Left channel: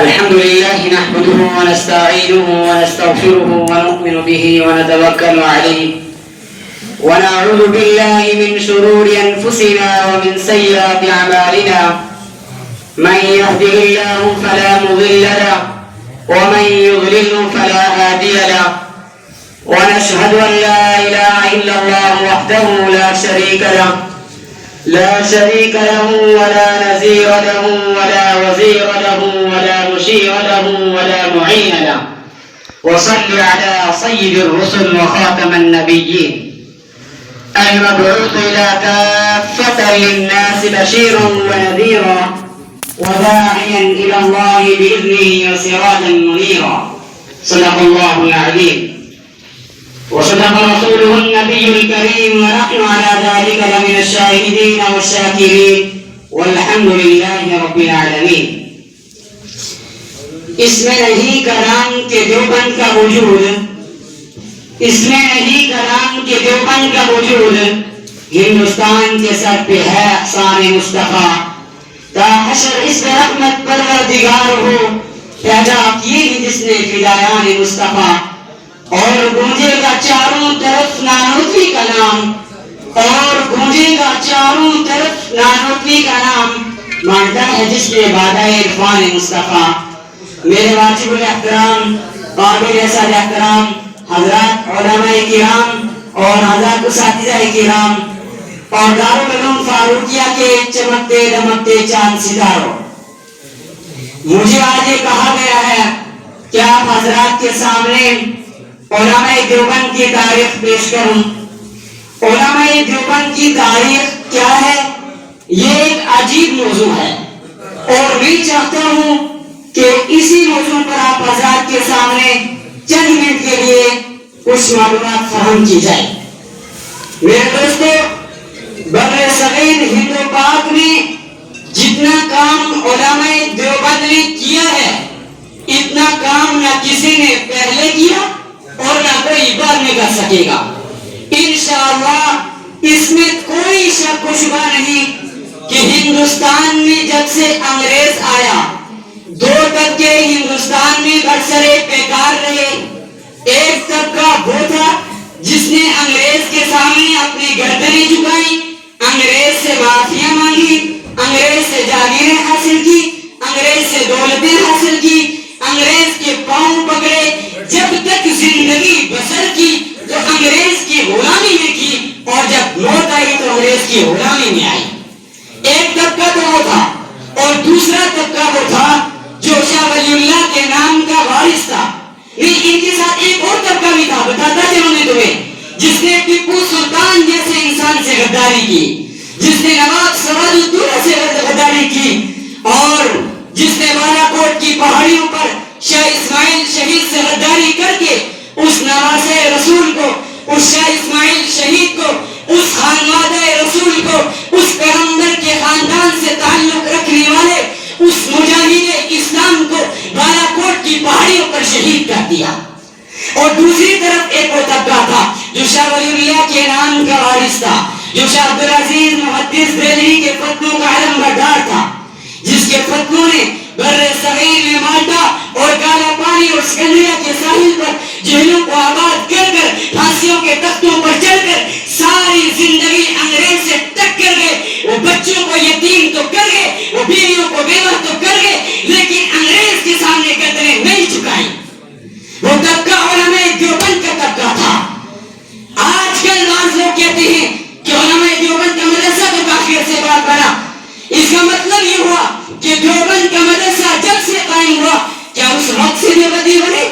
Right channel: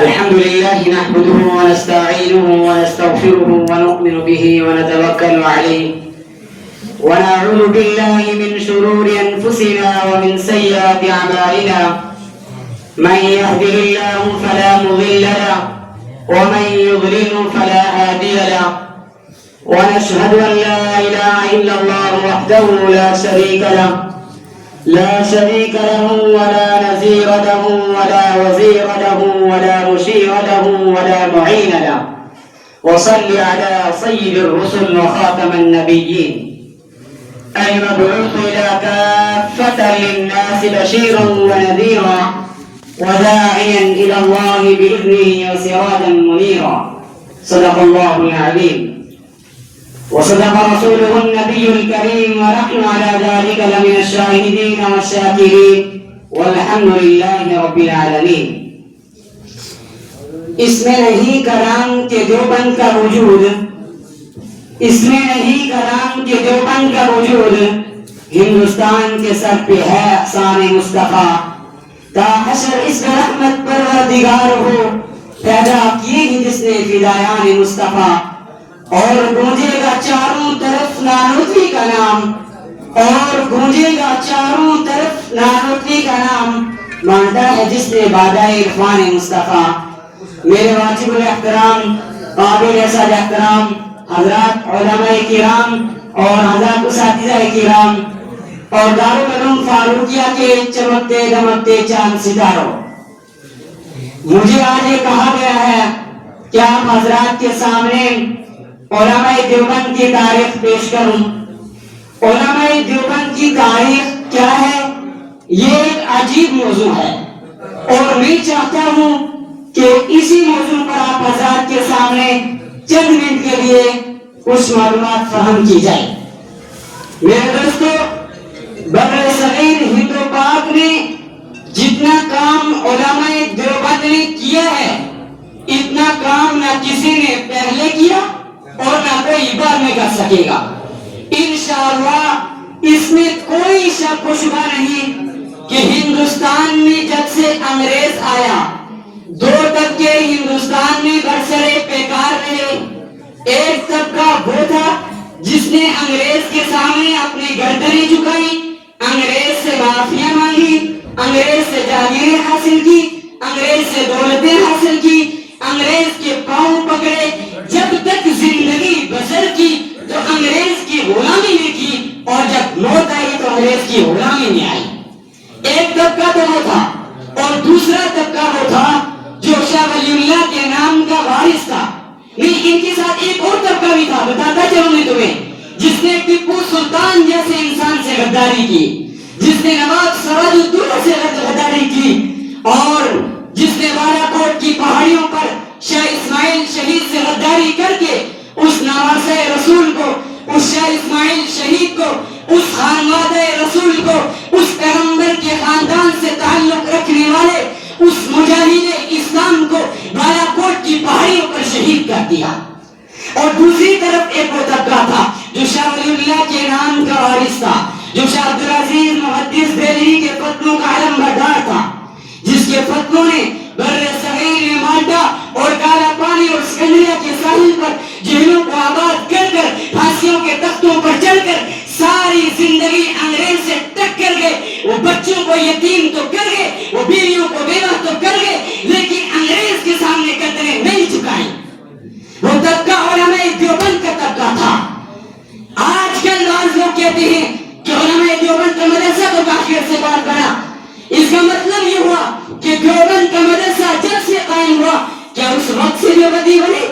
الحمد لله نحمده ونستعينه ونستغفره ونؤمن به ونتوكل عليه ونعوذ بالله من شرور أنفسنا ومن سيئات أعمالنا من يهده الله فلا مضل له ومن يضلل فلا هادي له ونشهد أن لا إله إلا الله وحده لا شريك له ولا نذير له ولا وزير له ولا مشير له ولا معين له وصل على سيد الرسل وخاتم النبيين المبعوث إلى كافة للناس بشيرا ونذيرا وداعيا إلى الله بإذنه وسراجا منيرا صدق الله العظيم وصدق رسوله النبي الكريم ونحن على ذلك لمن الشاهدين والشاكرين والحمد لله رب العالمين. اس میں نہیں کلام کے دیوبند کا وجود، اس میں نہیں کلام کے دیوبند کا وجود، ہندوستان کے سر پہ ہے احسان مصطفیٰ. تا حشر اس میں رحمت پروردگار ہو پیدا کیے جس نے فدایان مصطفیٰ. اور گونجے گا چاروں طرف نانوتوی کا نام، اور گونجے گا چاروں طرف نانوتوی کا نام، مانتا ہے جس نے بادہ عرفان مصطفیٰ. میرے واجب الاحترام قابل صد احترام حضرات علماء کرام اور حضرات اساتذہ کرام اور دارالعلوم فاروقیہ کے چمکتے دمکتے چاند ستاروں، مجھے آج یہ کہا گیا ہے کہ آپ حضرات کے سامنے علماء دیوبند کی تاریخ پیش کروں. علماء دیوبند کی تاریخ کیا ہے؟ یہ ایک عجیب موضوع ہے اور میں چاہتا ہوں کہ اسی موضوع پر آپ حضرات کے سامنے چند منٹ کے لیے کچھ معلومات فراہم کی جائے. میرے دوستو، بر صغیر ہند و پاک میں جتنا کام علماء دیوبند نے کیا ہے، اتنا کام نہ کسی نے پہلے کیا اور نہ کوئی بعد میں کر سکے گا. انشاءاللہ اس میں کوئی شک و شبہ نہیں کہ ہندوستان میں جب سے انگریز آیا، دو طبقے ہندوستان میں برسرے پیکار رہے. ایک طبقہ وہ تھا جس نے انگریز کے سامنے اپنی گردنیں جھکائی، انگریز سے معافیاں مانگی، انگریز سے جاگیریں حاصل کی، انگریز سے دولتیں حاصل کی، انگریز کے پاؤں پکڑے، جب تک زندگی بسر کی تو انگریز کی غلامی میں کی، اور جب موت آئی تو انگریز کی غلامی میں آئی. ایک طبقہ تو وہ تھا، اور دوسرا طبقہ وہ تھا جو شاہ ولی اللہ کے نام کا وارث تھا. نہیں، ان کے ساتھ ایک اور طبقہ بھی تھا، بتاتا چلوں میں تمہیں، جس نے ٹیپو سلطان جیسے انسان سے غداری کی، جس نے نواب سراج الدولہ سے غداری کی، اور جس نے بالا کوٹ کی پہاڑیوں پر شاہ اسماعیل شہید سے غداری کر کے اس نواسے رسول کو، اس شاہ اسماعیل شہید کو، اس خانوادہ رسول کو، اس پیغمبر کے خاندان سے تعلق رکھنے والے اس مجاہد اسلام کو بالا کوٹ کی پہاڑیوں پر شہید کر دیا. اور دوسری طرف ایک وہ طبقہ تھا جو شاہ ولی اللہ کے نام کا وارث تھا، جو شاہ عبدالعزیز محدث دہلوی کے فتنوں کا علم بردار تھا، جس کے فتنوں نے بر صغیر میں مالٹا اور کالا پانی اور سکندریہ کے ساحل پر جہلوں کو آباد کر کر پھانسیوں کے تختوں پر چڑھ کر ساری زندگی انگریز سے ٹکر گئے. وہ بچوں کو یتیم تو کر گئے، وہ بیویوں کو بیوہ تو کر گئے، لیکن انگریز کے سامنے گردنیں نہیں جھکائی. وہ طبقہ علماء دیوبند کا طبقہ تھا. آج کل بعض لوگ کہتے ہیں کہ علماء دیوبند کا مدرسہ تو کافی عرصے بعد بنا. اس کا مطلب یہ ہوا کہ دیوبند کا مدرسہ جب سے قائم ہوا، کیا اس وقت سے دیوبندی بنے؟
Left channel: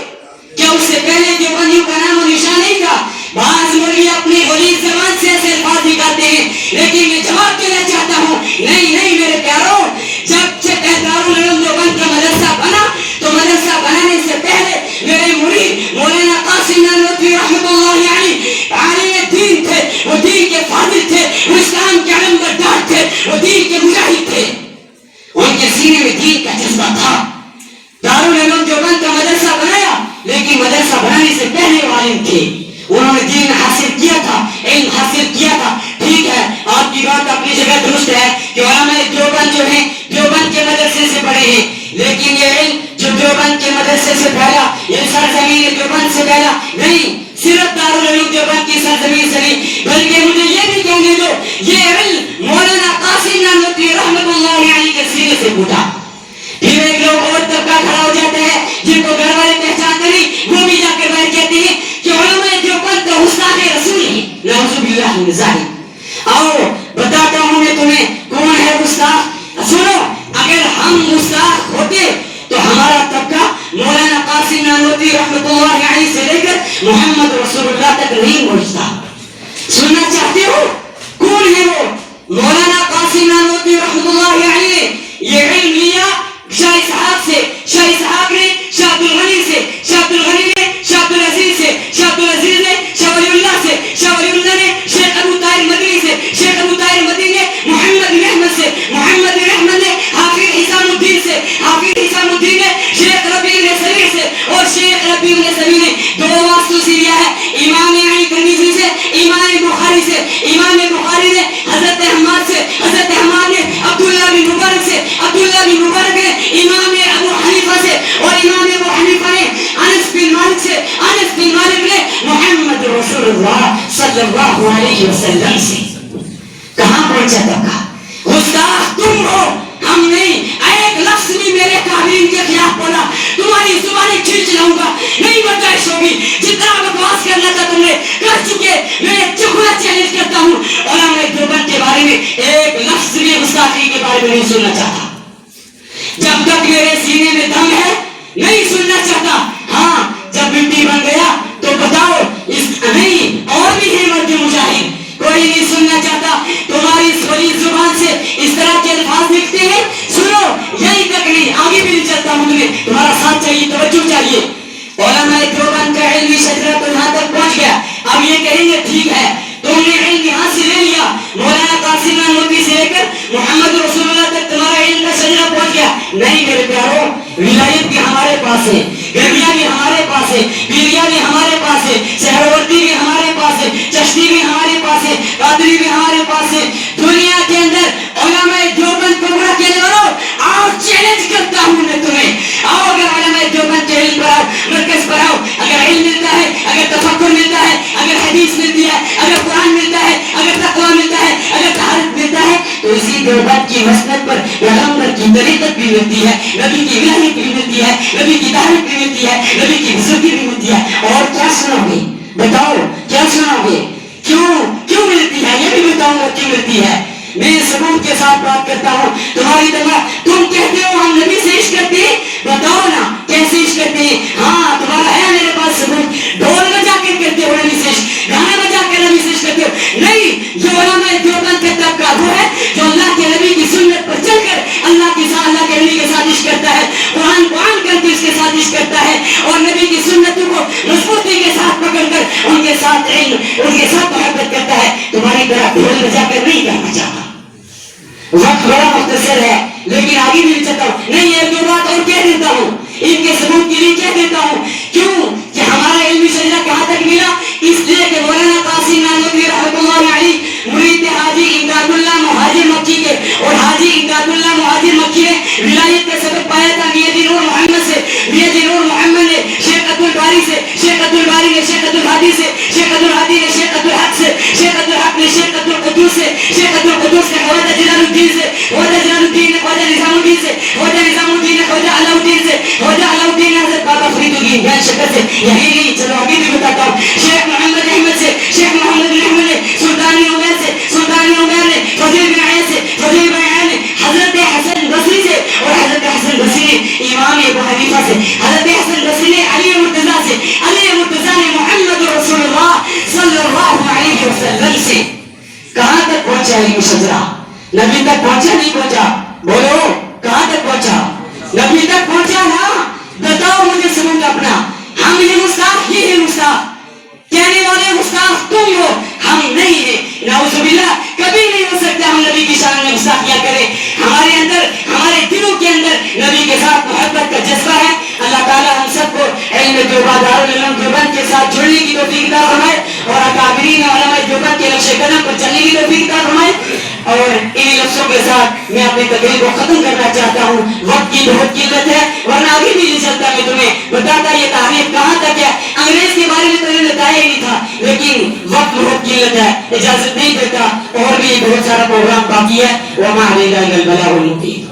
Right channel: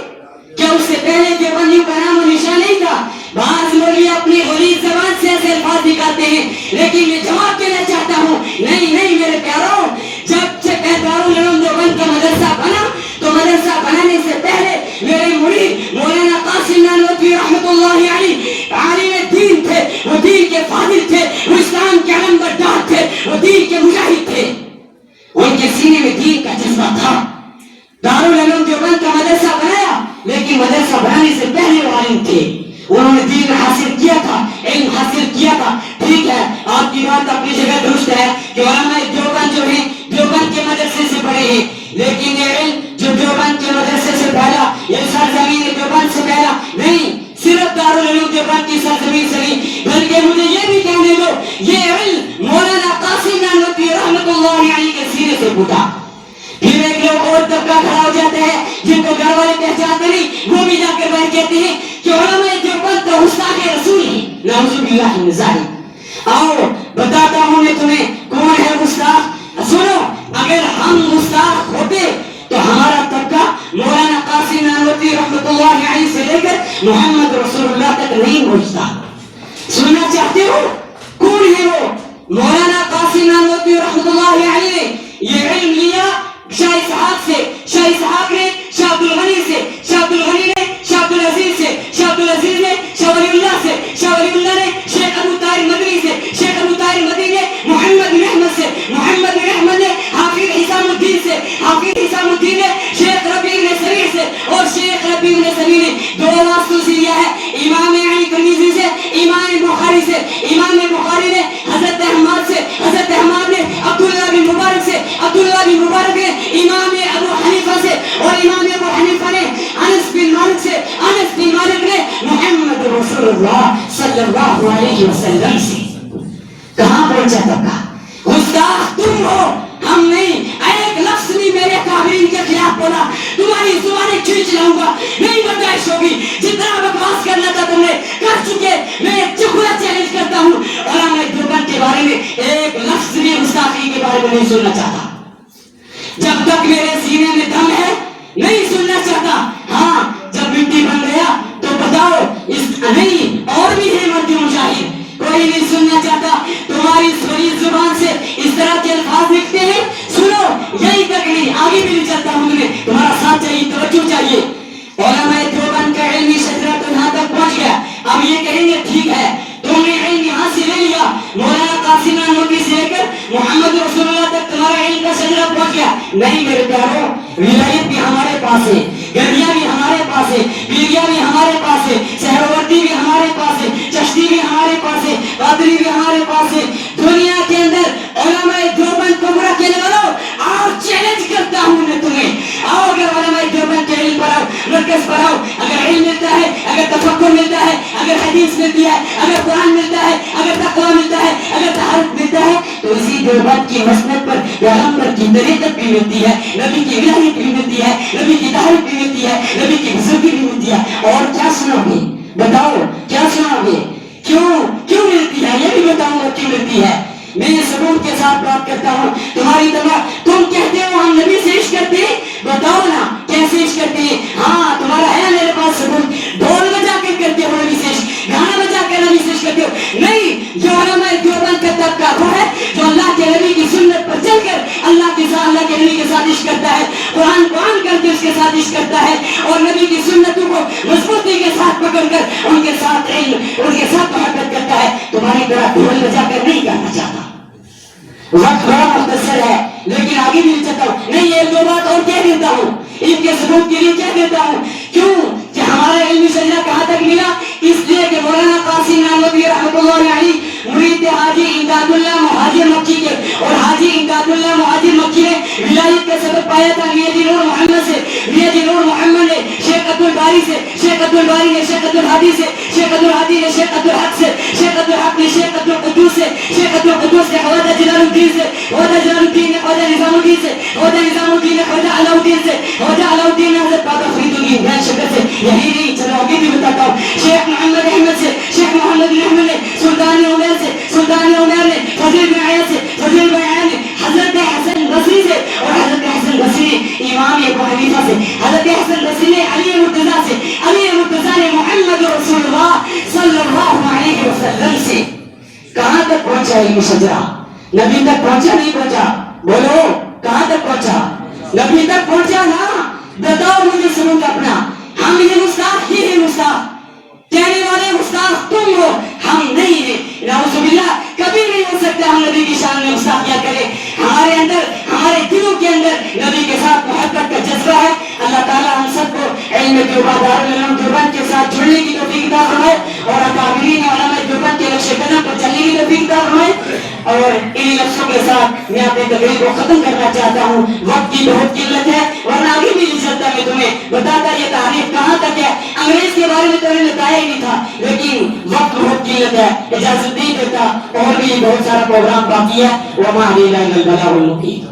کیا اس سے پہلے دیوبندیوں کا نام و نشان نہیں تھا؟ بعض مولوی اپنی غلیظ زبان سے ایسے الفاظ نکالتے ہیں، لیکن میں جواب دینا چاہتا ہوں، نہیں میرے پیاروں، جب سے دارالعلوم دیوبند کا مدرسہ بنا تو مدرسہ بنانے سے پہلے میرے مرید مولانا قاسم نانوتوی رحمۃ اللہ علیہ عالم دین تھے. وہ دین کے فاضل تھے، وہ اسلام کے علم بردار تھے، وہ دین کے مجاہد تھے. ان کے سینے میں دین کا جذبہ تھا. دارالعلوم دیوبند کا مدرسہ بنایا، لیکن مدرسہ بنانے سے پہلے وہ عالم تھے. انہوں نے دین حاصل کیا تھا، علم حاصل کیا تھا. ٹھیک ہے، آپ کی بات اپنی جگہ درست ہے کہ علماء دیوبند جو ہیں دیوبند کے مدرسے سے پڑھے ہیں، لیکن یہ علم جو دیوبند کے مدرسے سے پھیلا، یہ سرزمین دیوبند سے پھیلا نہیں، صرف دارالعلوم دیوبند کی سرزمین سے نہیں، بلکہ مجھے یہ بھی کہنے دو یہ علم مولانا قاسم نانوتوی رحمۃ اللہ علیہ کے سینے سے پھوٹا۔ پھر ایک لوگ اور طبقہ کھڑا ہو جاتا ہے جن کو گھر والے پہچانتے نہیں، وہ بھی جا کر بیٹھ کہتے ہیں کہ علماء دیوبند تو گستاخ رسول ہیں، نعوذ باللہ من ذالک۔ آؤ بتاتا ہوں میں تمہیں کون ہے گستاخ۔ سنو، اگر ہم گستاخ ہوتے تو ہمارا طبقہ مولانا قاسم نانوتوی رحمۃ اللہ علیہ سے لے کر محمد رسول اللہ تک نہیں پہنچتا۔ سننا چاہتے ہو کون ہے وہ؟ مولانا قاسم نانوتوی رحمۃ اللہ علیہ نے یہ علم لیا شاہ اسحاق سے، شاہ اسحاق نے شاہ عبد الغنی سے، شاہ عبد الغنی نے شاہ عبد العزیز سے، شاہ عبد العزیز نے شاہ ولی اللہ سے، شاہ ولی اللہ نے شیخ ابو طاہر مدنی سے، شیخ ابو طاہر مدنی نے محمد بن احمد سے، محمد بن احمد نے حافظ حسام الدین سے، حافظ حسام الدین نے شیخ ربیع بن سبیع سے، اور شیخ ربیع بن سبیع نے دو واسطوں سے لیا ہے، امام علی ترمذی سے، امام بخاری سے۔ امام بخاری نے حضرت احمد سے، حضرت احمد نے عبداللہ بن مبارک سے، عبداللہ بن مبارک نے امام ابو حنیفہ سے، اور امام ابو حنیفہ نے انس بن مالک سے، انس بن مالک نے محمد رسول اللہ صلی اللہ علیہ وسلم سے۔ کہاں پہنچا طبقہ؟ گستاخ تم ہو، ہم نہیں۔ ایک لفظ بھی میرے قابلین کے خلاف بولا تمہاری زبانیں کھینچ لاؤں گا، نہیں برداشت ہوگی۔ جتنا بکواس کرنا تھا تم نے کر چکے، میں چکنا چیلنج کرتا ہوں، علماء دیوبند کے بارے میں ایک لفظ بھی گستاخی کے بارے میں نہیں سننا چاہتا۔ جب تک میرے سینے میں دم ہے نہیں سننا چاہتا۔ ہاں جب مٹی بن گیا تو بتاؤ اس نہیں اور بھی ہے مرد مجاہد، کوئی نہیں سننا چاہتا۔ تمہاری اس بڑی زبان سے اس طرح کے الفاظ لکھتے ہیں، سنو یہی تک نہیں، آگے بھی نہیں چلتا ہوں، تمہیں تمہارا ساتھ چاہیے، توجہ چاہیے۔ علماء دیوبند کا علمی شجرہ تو یہاں تک پہنچ گیا، اب یہ کہیں گے ٹھیک ہے تم نے علم یہاں سے لے لیا، مولانا قاسم نانوتوی سے لے کر محمد رسول اللہ تک تمہارا علم کا شجرہ پہنچ گیا۔ نہیں میرے پیارو، ولایت بھی ہمارے پاس ہے، گرمیاں بھی ہمارے پاس ہے، پیریا بھی ہمارے پاس ہے، سہروردی بھی ہمارے پاس ہے، چشتی بھی ہمارے پاس ہے، قادری بھی ہمارے پاس ہے۔ دنیا کے اندر علماء دیوبند کو برا کہنے والوں، آؤ چیلنج کرتا ہوں میں تمہیں، آؤ اگر علماء دیوبند کے علم پر آؤ، مرکز پر آؤ، اگر علم ملتا ہے، اگر تفکر ملتا ہے، اگر حدیث ملتی ہے، اگر قرآن ملتا ہے، اگر تقویٰ ملتا ہے، اگر طہارت ملتا ہے، تو اسی دیوبند کی مسند پر پیغمبر کی طریقت بھی ملتی ہے، نبی کی ولایت بھی ملتی ہے، نبی کی طہارت بھی ملتی ہے، نبی کی بزرگی بھی ملتی ہے۔ اور کیا سنو گے؟ بتاؤ کیا سنو گے؟ کیوں ملتی ہے؟ یہ بھی بتاؤں گا کیوں ملتی ہے۔ میں ثبوت کے ساتھ بات کرتا ہوں، تمہاری طرح تم کہتے ہو ہم نبی سے عشق کرتے ہیں، بتاؤ نا کیسے عشق کرتے ہیں؟ ہاں تمہارا ہے میرے پاس ثبوت، ڈھول بجا کے کرتے ہو نبی سے عشق، گانا بجا کے نبی سے عشق کرتے ہو۔ نہیں، جو علماء دیوبند کا طبقہ وہ ہے جو اللہ کے نبی کی سنت پر چل کر اللہ کے نبی کے ساتھ عشق کرتا ہے، قرآن کر کے اس کے ساتھ عشق کرتا ہے، اور نبی کی سنتوں کو مضبوطی کے ساتھ پکڑ کر ان کے ساتھ علم، ان کے ساتھ محبت کرتا ہے۔ تمہاری طرح ڈھول بجا کر نہیں کرنا چاہتا۔ وقت بڑا مختصر ہے لیکن آگے بھی چلتا ہوں، نہیں ایک دو بات اور کہہ دیتا ہوں، ان کے ثبوت کے لیے کہہ دیتا ہوں۔ کیوں کہ ہمارا علمی شجرہ کہاں تک ملا؟ اس لیے کہ مولانا قاسم نانوتوی رحمۃ اللہ علیہ مرید حاجی امداد اللہ مہاجر مکی کے، اور حاجی امداد اللہ مہاجر مکی نے ولایت کا سبق پایا تھا میاں جی نور محمد سے۔ میاں جی نور محمد نے شیخ عبد الباری سے، شیخ عبد الباری نے شیخ عبد الہادی سے، شیخ عبد الہادی نے شیخ عبد الحق سے، شیخ عبد الحق نے شیخ عبد القدوس سے، شیخ عبد القدوس نے خواجہ جلال الدین سے، خواجہ جلال الدین نے خواجہ نظام الدین سے، خواجہ نظام الدین نے خواجہ علاء الدین سے، خواجہ علاء الدین نے حضرت بابا فرید الدین جان شکر سے۔ یہی نہیں، چلو آگے بھی بتاتا ہوں، شیخ محمد احمد سے، شیخ محمد بن احمد نے سلطانی عمیر سے، سلطانی عمیر نے فضیل بن عیاض سے، فضیل بن عیاض نے حضرت حسن بصری سے، اور حضرت حسن بصری نے امام ابو حنیفہ سے، حضرت حسن بصری نے علی مرتضیٰ سے، علی مرتضیٰ نے محمد رسول اللہ صلی اللہ علیہ وسلم سے۔ کہاں تک پہنچا علم شجرہ؟ نبی تک پہنچا نہیں پہنچا؟ بولو کہاں تک پہنچا؟ نبی تک پہنچا نا؟ بتاؤ مجھے ثبوت اپنا۔ ہم یہ گستاخ، یہ ہے گستاخ، کہنے والے گستاخ تم ہو، ہم نہیں ہیں۔ نعوذ باللہ، کبھی نہیں ہو سکتا ہم نبی کی شان میں گستاخیاں کریں۔ ہمارے اندر، ہمارے دلوں کے اندر نبی کے ساتھ محبت کا جذبہ ہے۔ اللہ تعالیٰ ہم سب کو علم دیوبند، دارالعلوم دیوبند کے ساتھ جڑنے کی توفیق عطا فرمائے، اور اکابرین علماء دیوبند کے نقش قدم پر چلنے کی توفیق عطا فرمائے۔ اور انہی لفظوں کے ساتھ میں اپنے تقریر کو ختم کرنا چاہتا ہوں، وقت کی بہت قلت ہے ورنہ آگے بھی نہیں چلتا میں تمہیں بتاتا یہ تعریف کہاں تک ہے، انگریز کے بارے میں تو نے بتایا ہی نہیں تھا، لیکن وقت بہت قلت ہے اجازت نہیں دیتا، اور بھی بہت سارا پروگرام باقی ہے، وما علینا الا البلاغ المبین۔